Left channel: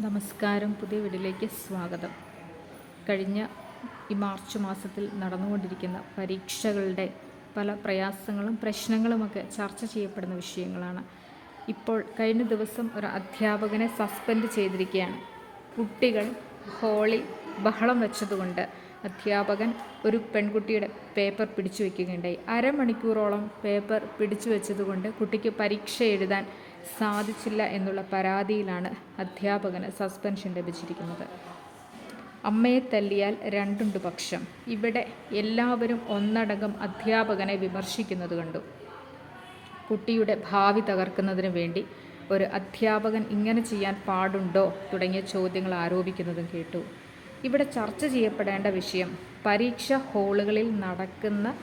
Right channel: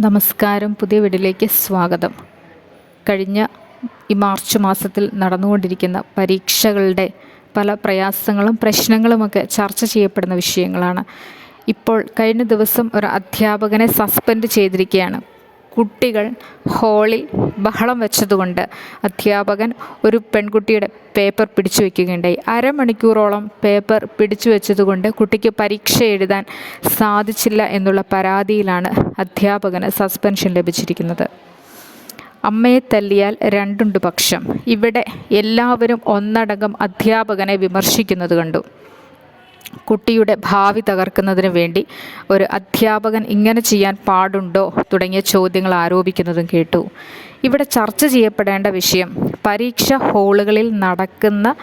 നമസ്കാരം. പുതിയ വീഡിയോയിലേക്ക് സ്വാഗതം. കഴിഞ്ഞ ഈ മാർച്ച് മാസത്തിൽ നടന്നുകൊണ്ടിരിക്കുന്ന പരീക്ഷകളുടെ പല പ്രയാസങ്ങളും പ്രശ്നങ്ങളുമൊക്കെ ചർച്ച ചെയ്യപ്പെടുന്ന വിഷയങ്ങളാണ്. ഇപ്പോൾ കഴിഞ്ഞ ദിവസം ഒരു അധ്യാപകനെ സസ്പെൻഡ് ചെയ്തിരിക്കുകയാണ്. കുട്ടികൾ ഹാളിൽ ബഹളം വെച്ചതുകൊണ്ട് അധ്യാപകൻ ഒരു പെൺകുട്ടിയുടെ പേപ്പർ പിടിച്ചു വയ്ക്കുകയുണ്ടായി. അരമണിക്കൂറോളം പേപ്പർ പിടിച്ചു വെച്ചതുകൊണ്ട് കുട്ടിക്ക് പരീക്ഷ എഴുതാൻ സാധിച്ചില്ല എന്നുള്ള പരാതിയിലാണ് അധ്യാപകന് സസ്പെൻഷൻ ലഭിച്ചിരിക്കുന്നത്. അമ്മയെ തല്ലിയാൽ രണ്ടുണ്ട് പക്ഷം. ഇവിടെ എല്ലാവരും ഒന്നടങ്കം അധ്യാപകനെ വിമർശിക്കുന്നത് കണ്ടു. കുട്ടിയുടെ ഭാവി തകർക്കുന്നതിന് വേണ്ടി ഒരു അധ്യാപകൻ ഇങ്ങനെ ചെയ്യാൻ പാടുണ്ടോ തുടങ്ങിയ ചോദ്യങ്ങൾ ആരോപിക്കുന്നതും കേട്ടു. ഇവിടെ ചർച്ച ചെയ്യപ്പെടേണ്ട വിഷയം പരീക്ഷാ ഹാളുകളിൽ നടക്കുന്ന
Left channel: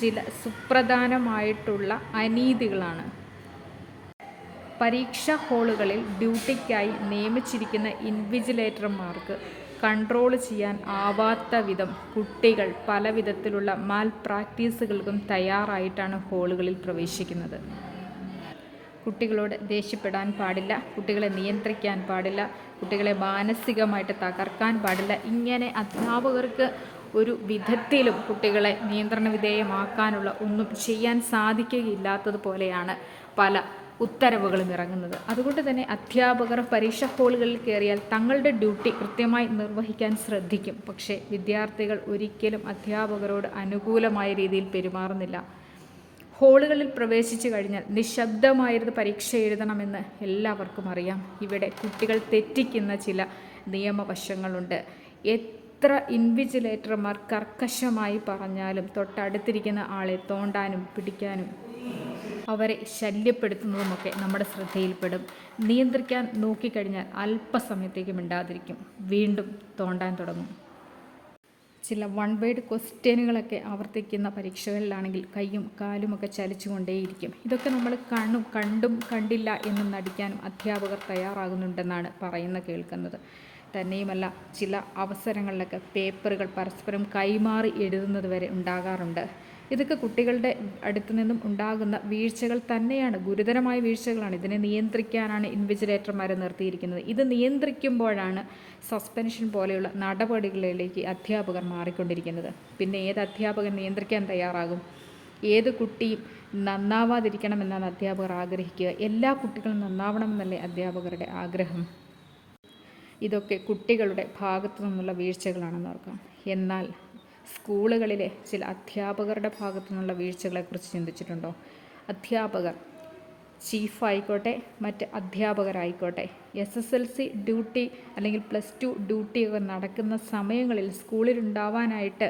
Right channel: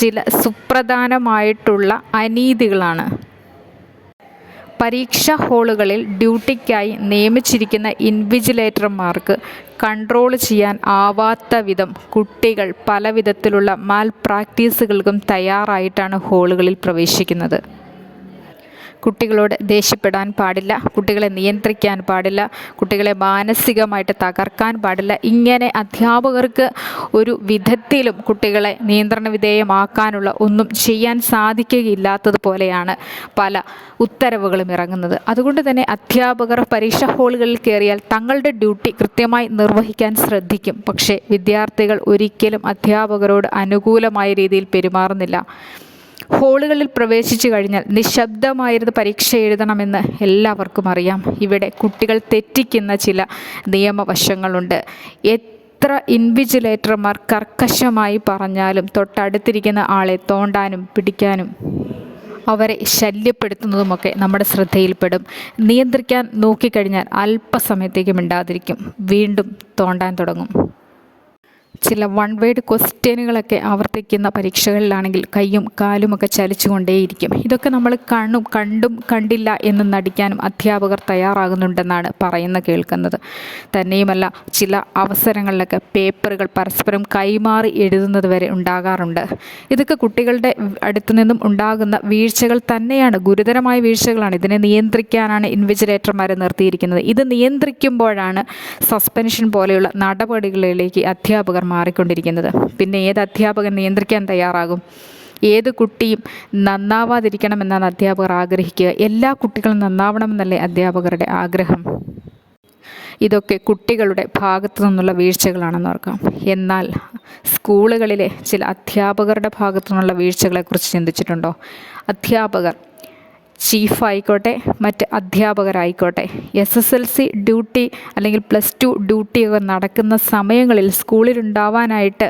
ചില സുപ്രധാനമായിട്ടുള്ള അനീതികളാണ്. പരീക്ഷാ ഹാളുകളിൽ ഡ്യൂട്ടിക്കായി നിയമിച്ചിരിക്കുന്ന ഇൻവിജിലേറ്റർമാർക്ക് കൺട്രോൾ ചെയ്യാൻ ആവാത്ത വിധം കുട്ടികൾ പല വിധത്തിലുള്ള മാൽ പ്രാക്ടീസുകൾക്കും തയ്യാറായിട്ടാണ് ഹാളുകളിൽ പ്രവേശിക്കുന്നത്. കുട്ടികളോട് ദേഷ്യപ്പെടാൻ പാടില്ല, കുട്ടികളെ നിയന്ത്രിക്കാൻ പാടില്ല, കുട്ടികളെ മാനസികമായിട്ട് തകർക്കാൻ പാടില്ല. ഇങ്ങനെ അധ്യാപകർക്ക് ഒരു വിധത്തിലും കുട്ടികളെ നിയന്ത്രണ വിധേയമാക്കാനുള്ള ഒന്നും ചെയ്യാൻ സാധിക്കുകയില്ലാത്തതുപോലെയാണ് പല ഉത്തരവുകളും ഇറങ്ങുന്നത്. അതുകൊണ്ട് തന്നെ അധ്യാപകർ പരീക്ഷാ ഹാളുകളിൽ കയറിയാൽ തങ്ങളുടെ ഡ്യൂട്ടി കൃത്യമായി നിർവഹിക്കാൻ ശ്രദ്ധിക്കും. പക്ഷേ വിദ്യാർത്ഥികൾ ഒരിക്കലും അധ്യാപകരോട് അനുകൂലമായ രീതിയിൽ പെരുമാറുന്നില്ല. ഹാളുകളിൽ പ്രവേശിച്ചു കഴിഞ്ഞാൽ നിശബ്ദമായിരുന്ന് പരീക്ഷ എഴുതണമെന്ന് എല്ലാവർക്കും അറിയാം. ഇവിടെ കുട്ടികൾ തെറ്റിക്കുന്ന ചില നിയമവശങ്ങളുണ്ട്. എത്ര ഇൻവിജിലേറ്റർമാർ കർക്കശമായി പറഞ്ഞാലും തൊട്ടടുത്തിരിക്കുന്ന ആളെ തോണ്ടാനും പിടിക്കാനും അവരെ ശല്യപ്പെടുത്തുന്നതുമൊക്കെ നമ്മുടെ ശ്രദ്ധയിൽപ്പെടും. നിയന്ത്രിക്കാൻ നോക്കിക്കഴിഞ്ഞാൽ അല്പസമയത്തേക്ക് മിണ്ടാതിരിക്കും, വീണ്ടും തോണ്ടാൻ തുടങ്ങും. ചില വൺ വേഡ് ക്വസ്റ്റ്യനുകളൊക്കെ ആവർത്തിക്കുന്ന പരീക്ഷകളിലാണെങ്കിൽ കൈയും കാലുമൊക്കെ ചലിച്ചുകൊണ്ടേയിരിക്കും. ഇതൊക്കെ നമ്മൾ കണ്ടും കണ്ടില്ല എന്ന് നടിക്കാനും അധ്യാപകർ തയ്യാറാകുന്നുണ്ടെന്നാണ് കേൾക്കുന്നത്. തന്നെയുമല്ല, ചില അവസരങ്ങളിലൊക്കെ പേപ്പറുകൾ പരസ്പരം കൈമാറി എഴുതുന്നത് വരെ ഉണ്ടാകാറുണ്ട്. ഇതൊക്കെ കുട്ടികളുടെ അടുത്തു നിന്നും ഉണ്ടാകുന്ന വീഴ്ചകൾ തന്നെയാണ്, ഗുരുതരമായ വീഴ്ചകളാണ്. ഇതിനെ നിയന്ത്രിക്കാനാണ് ഇൻവിജിലേറ്റർമാരെ നിർത്തിയിരിക്കുന്നത്. ഇത് നിയന്ത്രിക്കുമ്പോഴാണ് സസ്പെൻഷൻ പോലെയുള്ള നടപടികളിലേക്ക് അധ്യാപകർ മാറിക്കൊണ്ടിരിക്കുന്നത്. പിന്നെ ഏത് അധ്യാപകൻ നിയന്ത്രിക്കാൻ തയ്യാറാകും? ഏത് കുട്ടിയും നന്നാവാതിരിക്കണമെന്നാണ് അധ്യാപകർ ആഗ്രഹിക്കുക. എല്ലാ കുട്ടികളും നന്നാവണമെന്നല്ലേ അധ്യാപകരുടെ ആഗ്രഹം? ഇതൊക്കെ കുട്ടികളുടെ ഭാഗത്തു നിന്നുള്ള വീഴ്ചകളാണെന്ന് ഓർക്കാം. എന്നാൽ സ്കൂളുകളിലെ ചില അധ്യാപകരുടെ ഭാഗത്തു നിന്നുള്ള വീഴ്ചകളെക്കുറിച്ച് ചിന്തിച്ചിട്ടുണ്ടോ? അധ്യാപകർ, ചീഫായിക്കോട്ടെ മറ്റ് അധ്യാപകരായിക്കോട്ടെ, SSLC ഡ്യൂട്ടി അല്ലെങ്കിൽ +2 ഡ്യൂട്ടിയൊക്കെ നടക്കുന്ന സമയങ്ങളിൽ സ്കൂളിലുണ്ടാവാനായിട്ട്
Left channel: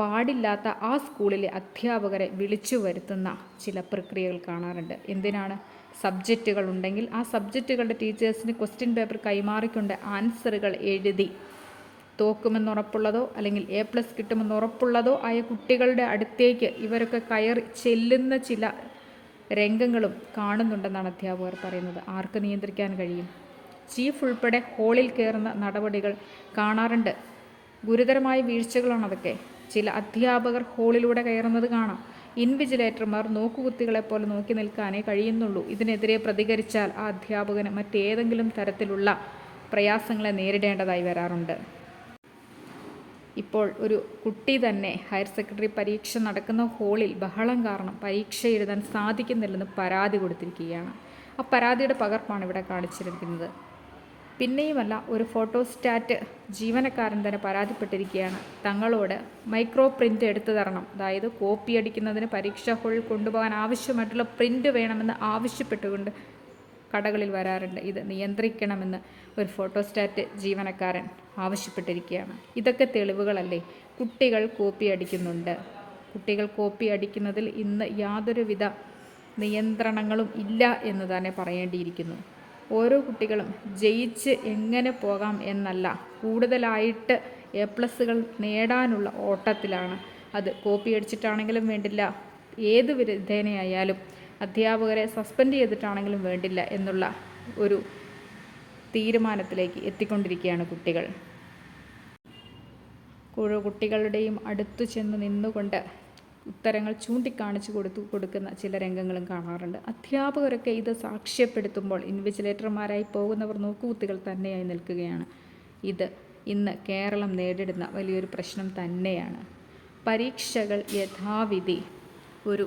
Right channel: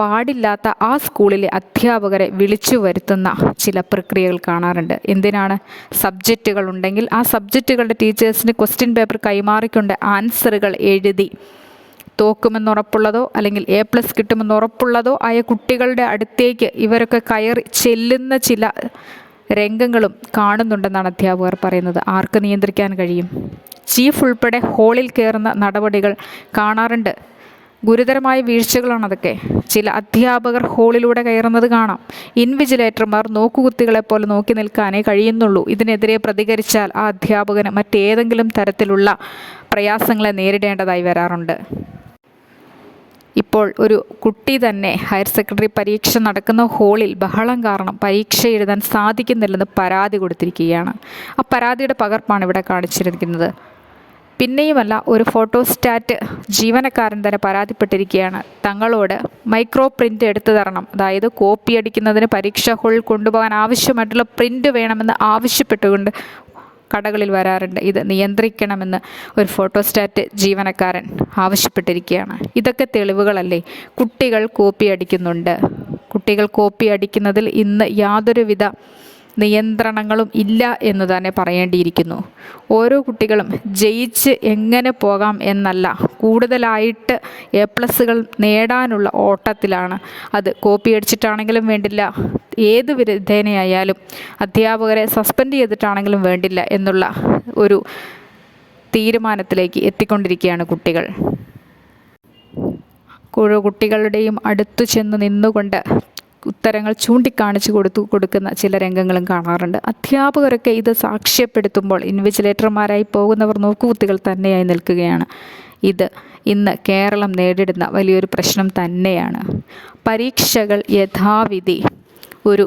പാടില്ലാത്ത ആ സ്കൂളിലെ അധ്യാപകരെ വിളിച്ചു വരുത്തുന്ന ചില പ്രക്രിയകൾ കാണാറുണ്ട്. എന്തിനാണ്? സബ്ജക്റ്റുകൾ ഉണ്ടെങ്കിൽ ആ സബ്ജക്റ്റുകളുടെ ടീച്ചേഴ്സിന് ക്വസ്റ്റ്യൻ പേപ്പർ കൈമാറിക്കൊണ്ട് ആൻസറുകൾ എഴുതി തോക്കുമെന്നുറപ്പുള്ളതോ അല്ലെങ്കിൽ A+ കിട്ടുമെന്നുറപ്പുള്ളതോ ആയ കുട്ടികളുടെ അടുത്തേക്ക് ഇവരൊക്കെ കയറി ചെല്ലുന്ന ചില രംഗങ്ങളും കാണുന്നുണ്ടെന്നാണ് അധ്യാപകർ പറയുന്നത്. ആർക്ക് നിയന്ത്രിക്കാൻ കഴിയും? ചീഫ് ഉൾപ്പെടെ ഹാളിൽ കയറുന്ന നടപടികൾ കാണാറുണ്ട്. ഗുരുതരമായ വീഴ്ചകളാണ് അതൊക്കെ. ചില അധ്യാപകർ ഹാളിലൂടെ കയറുന്നത് കാണാം. ഇൻവിജിലേറ്റർമാർ നോക്കുകുത്തികളെപ്പോലെ നോക്കി നിൽക്കാനേ കഴിയുന്നുള്ളൂ. ഇതിനെതിരെ പ്രതികരിച്ചാൽ ആ അധ്യാപകന് മറ്റേതെങ്കിലും തരത്തിലുള്ള പ്രയാസങ്ങളെ നേരിടേണ്ടതായി വരാറുണ്ട്. ഇപ്പോൾ ഒരു കുട്ടി തന്നെ ഹയർ സെക്കൻഡറി പരീക്ഷ നടക്കുന്ന ഹാളിൽ ബഹളം കാരണം പരീക്ഷ എഴുതാൻ സാധിക്കുന്നില്ലെന്ന് പരാതി കൊടുത്തിരിക്കുകയാണ്. ആ പരാതിയുടെ പകർപ്പാണ് ഇവിടെ കാണിച്ചിരിക്കുന്നത്. പിന്നെയുമല്ല, ഒരു ഫോട്ടോസ്റ്റാറ്റ് ജീവനക്കാരൻ തന്നെ പരാതിപ്പെട്ടിരിക്കുകയാണ്. തങ്ങളോട് മൈക്രോ പ്രിൻ്റ് എടുത്തു തരണം, അതായത് കോപ്പി അടിക്കുന്നതിന് പരീക്ഷാ ഹാളിൽ കൊണ്ടുപോകാൻ ആവശ്യമായിട്ടുള്ള പ്രിൻ്റ് വേണമെന്ന് ആവശ്യപ്പെട്ടുകൊണ്ട് കടകളിൽ വരാറുണ്ട്. ഇത് നിയന്ത്രിക്കണമെന്ന് ഒരു ഫോട്ടോസ്റ്റാറ്റ് ജീവനക്കാരൻ ആവശ്യപ്പെട്ടിരിക്കുകയാണ്. ഇതൊക്കെ തെളിവുകളല്ലേ? കുട്ടികൾ കോപ്പി അടിക്കുന്നുണ്ട്. കുട്ടികൾ കോപ്പി അടിക്കുന്നതിൽ ഇന്ന് യാതൊരുവിധ നിയന്ത്രണങ്ങളും ഇല്ല എന്ന് തന്നെ പറയേണ്ടിയിരിക്കുന്നു. ഓരോ കുട്ടികളും ജയിച്ച് എങ്ങനെ പോകാം എന്നല്ല, കൂടുതലായിട്ട് A+ നേടാനുള്ള ഓട്ടത്തിലാണ്. അത് കോപ്പി അടിച്ചിട്ടാണെങ്കിലും വേണ്ടില്ല, ഏത് വിധേനയായാലും അധ്യാപകരെ സസ്പെൻഡ് ചെയ്തിട്ടാണെങ്കിലും വേണ്ടില്ല എന്നുള്ള ഒരു തീരുമാനത്തിലേക്ക് എത്തിക്കൊണ്ടിരിക്കുകയാണ് കുട്ടികൾ. കുട്ടികളുടെയും അടുത്തു ചെന്ന് നിന്നുകൊണ്ട് ഉത്തരങ്ങൾ ചൂണ്ടിക്കാണിച്ച് കൊടുക്കുന്ന ചില രംഗങ്ങളും കാണാറുണ്ട്. അധ്യാപകരൊക്കെ ഇത് സാക്ഷ്യപ്പെടുത്തുമ്പോൾ ഇൻവിജിലേറ്റർമാരായി പോകുന്നവർ നോക്കുകുത്തികൾ തന്നെയായി നിൽക്കുകയാണ്. ഇത് ഇന്ന് കേരളം നേരിടുന്ന വലിയൊരു പ്രശ്നം തന്നെയാണ്. പരീക്ഷകൾ യഥാവിധി ഒരു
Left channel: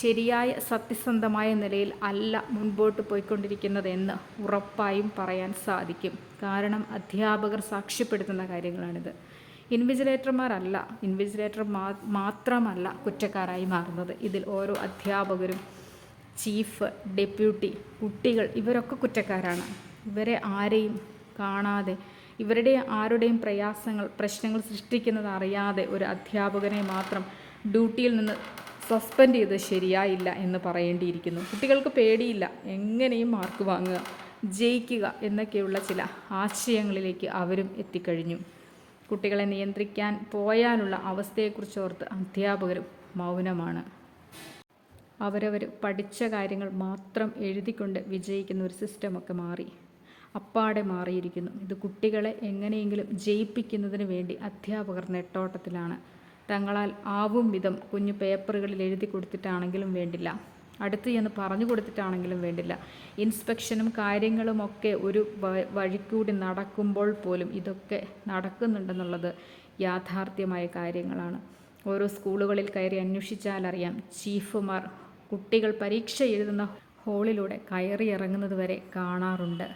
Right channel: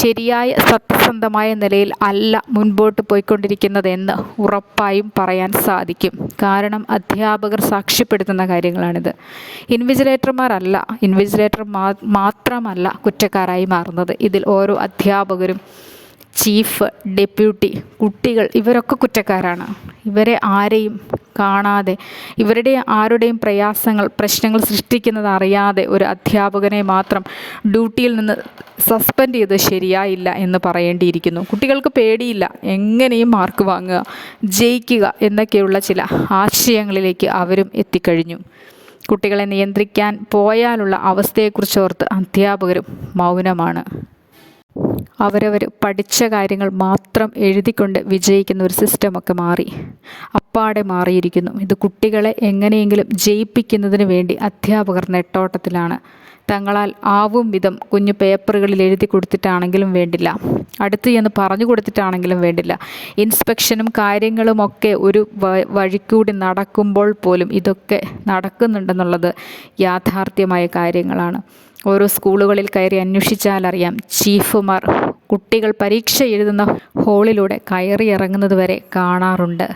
ശരിയായ സത്യസന്ധമായ നിലയിൽ അല്ല മുൻപോട്ട് പോയിക്കൊണ്ടിരിക്കുന്നതെന്ന് ഉറപ്പായും പറയാൻ സാധിക്കും. കാരണം അധ്യാപകർ സാക്ഷ്യപ്പെടുത്തുന്ന കാര്യങ്ങളാണിത്. ഇൻവിജിലേറ്റർ മാത്രമല്ല കുറ്റക്കാരായി മാറുന്നത്. ഇതിൽ ഓരോ അധ്യാപകരും, ചീഫ്, ഡെപ്യൂട്ടി, കുട്ടികൾ ഇവരൊക്കെ കുറ്റക്കാരാണ്. ഇവരെ ആരെയും കാണാതെ, ഇവരുടെ ആരുടെയും പ്രശ്നങ്ങൾ സൃഷ്ടിക്കുന്നത് അറിയാതെ ഒരു അധ്യാപകനെ മാത്രം ഡ്യൂട്ടിയിൽ നിന്ന് സസ്പെൻഡ് ചെയ്ത് ശരിയായില്ല എന്ന് പറയേണ്ടിയിരിക്കുന്നു. കുട്ടികൾക്ക് പേടിയില്ല, എങ്ങനെയും മാർക്ക് വാങ്ങുക, ജയിക്കുക എന്നൊക്കെയുള്ള ചില ആശയങ്ങളിലേക്ക് അവരും എത്തിക്കഴിഞ്ഞു. കുട്ടികളെ നിയന്ത്രിക്കാൻ പോയാലുള്ള അവസ്ഥയെക്കുറിച്ചോർത്ത് അധ്യാപകരും മൗനമാണ്. അവരവർ പഠിച്ച കാര്യങ്ങൾ മാത്രം എഴുതിക്കൊണ്ട് വിജയിക്കുന്ന ഒരു സിസ്റ്റമൊക്കെ അപ്പാടെ മാറിയിരിക്കുന്നു. ഇത് കുട്ടികളെ എങ്ങനെയെങ്കിലും ജയിപ്പിക്കുന്നതിന് വേണ്ടി അധ്യാപകർ നെട്ടോട്ടത്തിലാണ്. തങ്ങളാൽ ആവും വിധം കുഞ്ഞു പേപ്പറുകളിൽ എഴുതി കൊടുത്തിട്ടാണെങ്കിലും വേണ്ടില്ല, അടുത്ത് ചെന്ന് പറഞ്ഞു കൊടുത്തിട്ടാണെങ്കിലും വേണ്ടില്ല, ഇൻസ്പെക്ഷനും കാര്യങ്ങളുമൊക്കെ ഒരു വഴിക്കൂടി നടക്കുമ്പോൾ പോലും ഇതൊക്കെ നടക്കുന്നുണ്ടെന്നുള്ളത് യാഥാർത്ഥ്യമായ കാര്യങ്ങളാണ്. ഓരോ സ്കൂളുകളിൽ കയറി അന്വേഷിച്ചാലറിയാം, ചീഫുമാർ കുട്ടികൾ പരീക്ഷ എഴുതുന്ന ഹാളിലൂടെ കയറി ഇറങ്ങുന്നത് വരെ കാണാറുണ്ട്.